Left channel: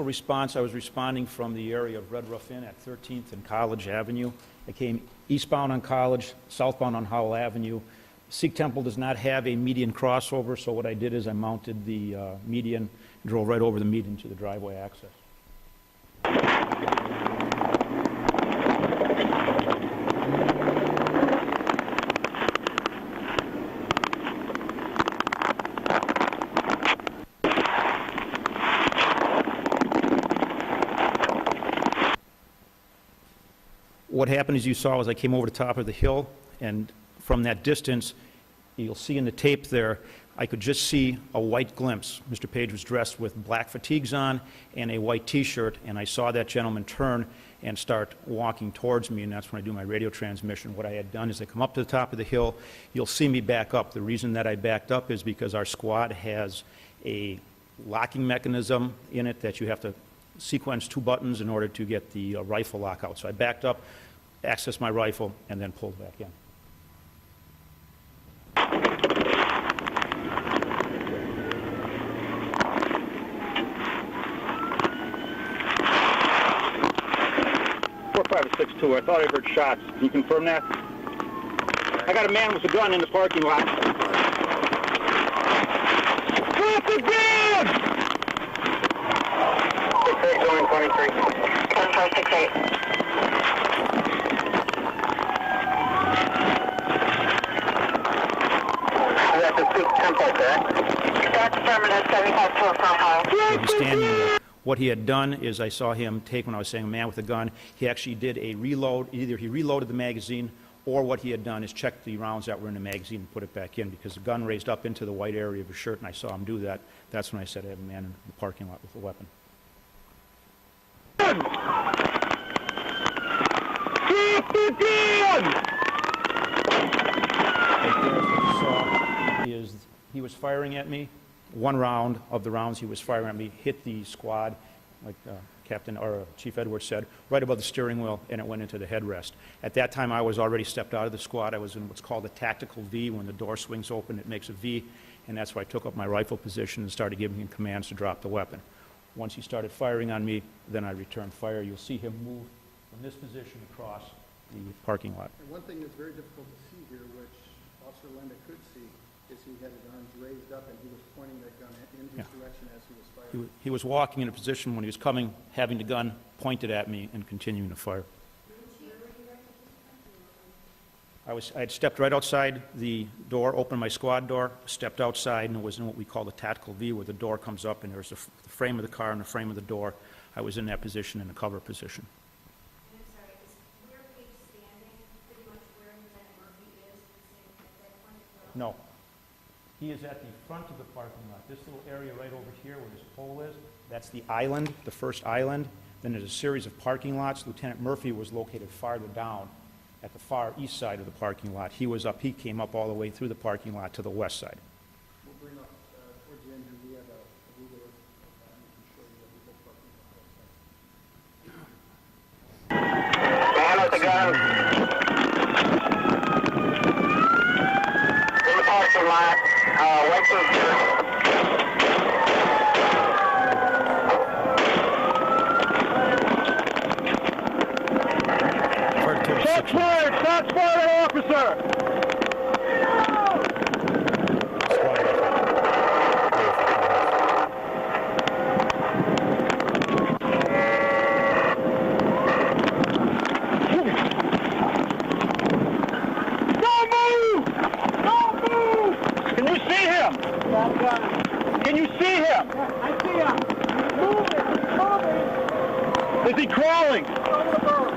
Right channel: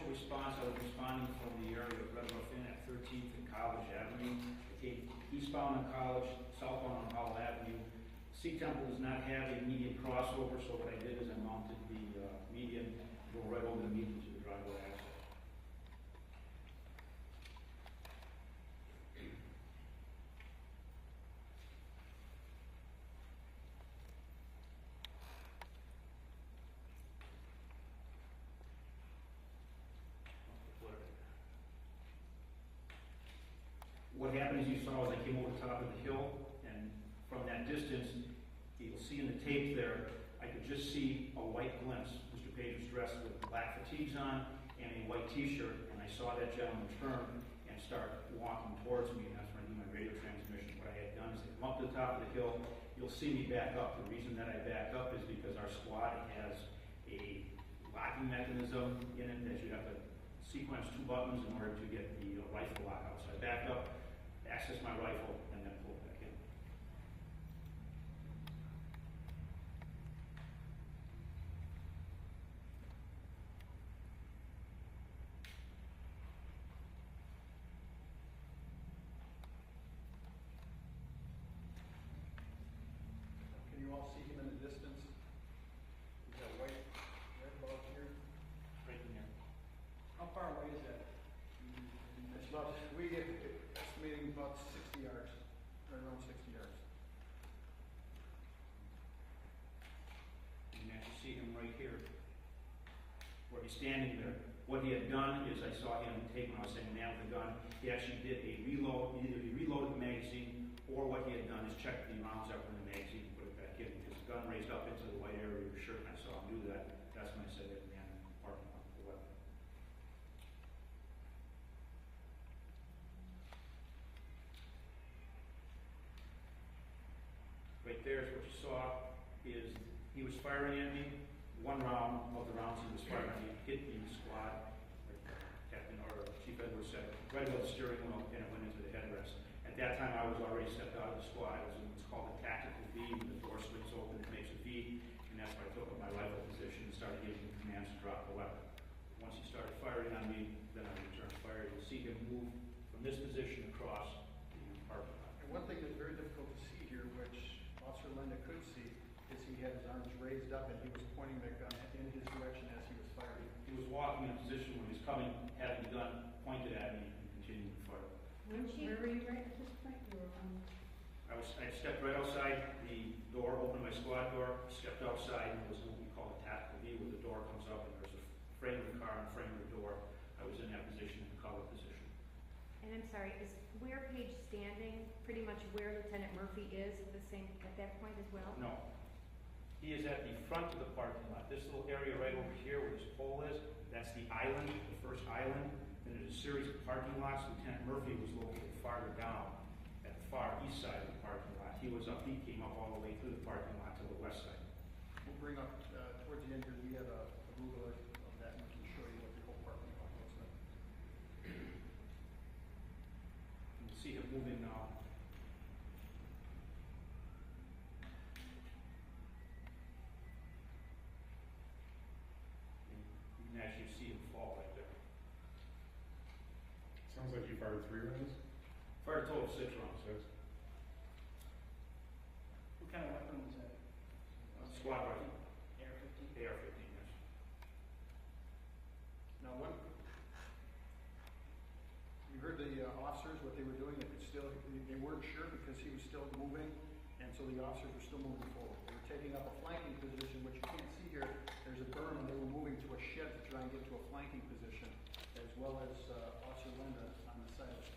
initial response, I was responding from the area of Red Roof Inn at 13th and College Avenue. I came eastbound on College, southbound on Howell Avenue. Sikh Temple does not have a median crossover, so what I did is I mounted the median, drove right over the median to the driveway access. What happened, as you saw, was I came over the top of the hill, and from that distance, you'll see in the tape there, I could just see a white glimpse. Mr. Page was dressed with black fatigues on and a white T-shirt, and I saw that gentleman turn and start walking towards me, and that's when I do my radio transmission. What I had done is I come up to the top of the hill. You'll see me back up. The reason that I backed up is because our squad has a locking mechanism in it that you have to sequence 2 buttons in order to get the rifle lock out. So I backed up, accessed my rifle, and then pulled back in. .4562, I thought I heard shots. Can you confirm that? I got a man with a gun in the parking lot. Drop the gun! 68 going 23. 7568. That's a Sikh Temple, correct? That's affirmative, 75 He's standing there. What he had done is I saw him take, when I was saying a man with a gun, he actually did a reload. Either he reloaded the magazine, or what he had done is checked the rounds that were in the magazine and put it back in, because the gun raised up into the white area of his shirt, and I saw him do that. That's when I said I had a man in the parking lot with a weapon. Keep the gun! Is he was firing at me. 1 round of the rounds he was firing at me hit the squad, like Captain or Chief Edwards said, right above the steering wheel, and it went into the headrest. At that time, I was already stepped out of the squad. I was in what's called a tactical V. When the door swings open, it makes a V, and that's why I took up my rifle position and started giving him commands to drop the weapon. Once he started firing on me, then I returned fire. You'll see him move from this position across the parking lot. And one thing that's very difficult to see here, which Officer Lenda could see, is he had his arms raised up and he was pointing that gun in his direction as he was firing. He was walking in a position when he was coming, having the gun pointed at me and continuing to fire. I had stepped right outside the door, opened my squad door, stepped outside, and it was in what we call the tactical V, where the door comes up and there's the frame of the car and the frame of the door. I was in that position, in the cover position. And I'm sorry, is where Page standing pretty much where Lieutenant Murphy is at that point as well? No. He is at the front of the parking lot. This little area right over here where this pole is, that's the island, the first island. Then there's a series of parking lots. Lieutenant Murphy was located farther down at the far east side of the parking lot. He was up, he came up all the way through the parking lot to the west side. We'll bring up, towards the end here, we have a Google Earth of that, and we can show you what the whole parking lot looks like. Man with the gun. In the parking lot, wait for Shots fired! Shots fired, officer! Don't move! Don't move! Can you see him? Can you see him? Yeah, I see him. He's moving. He's moving. Is he crawling? Over the boat.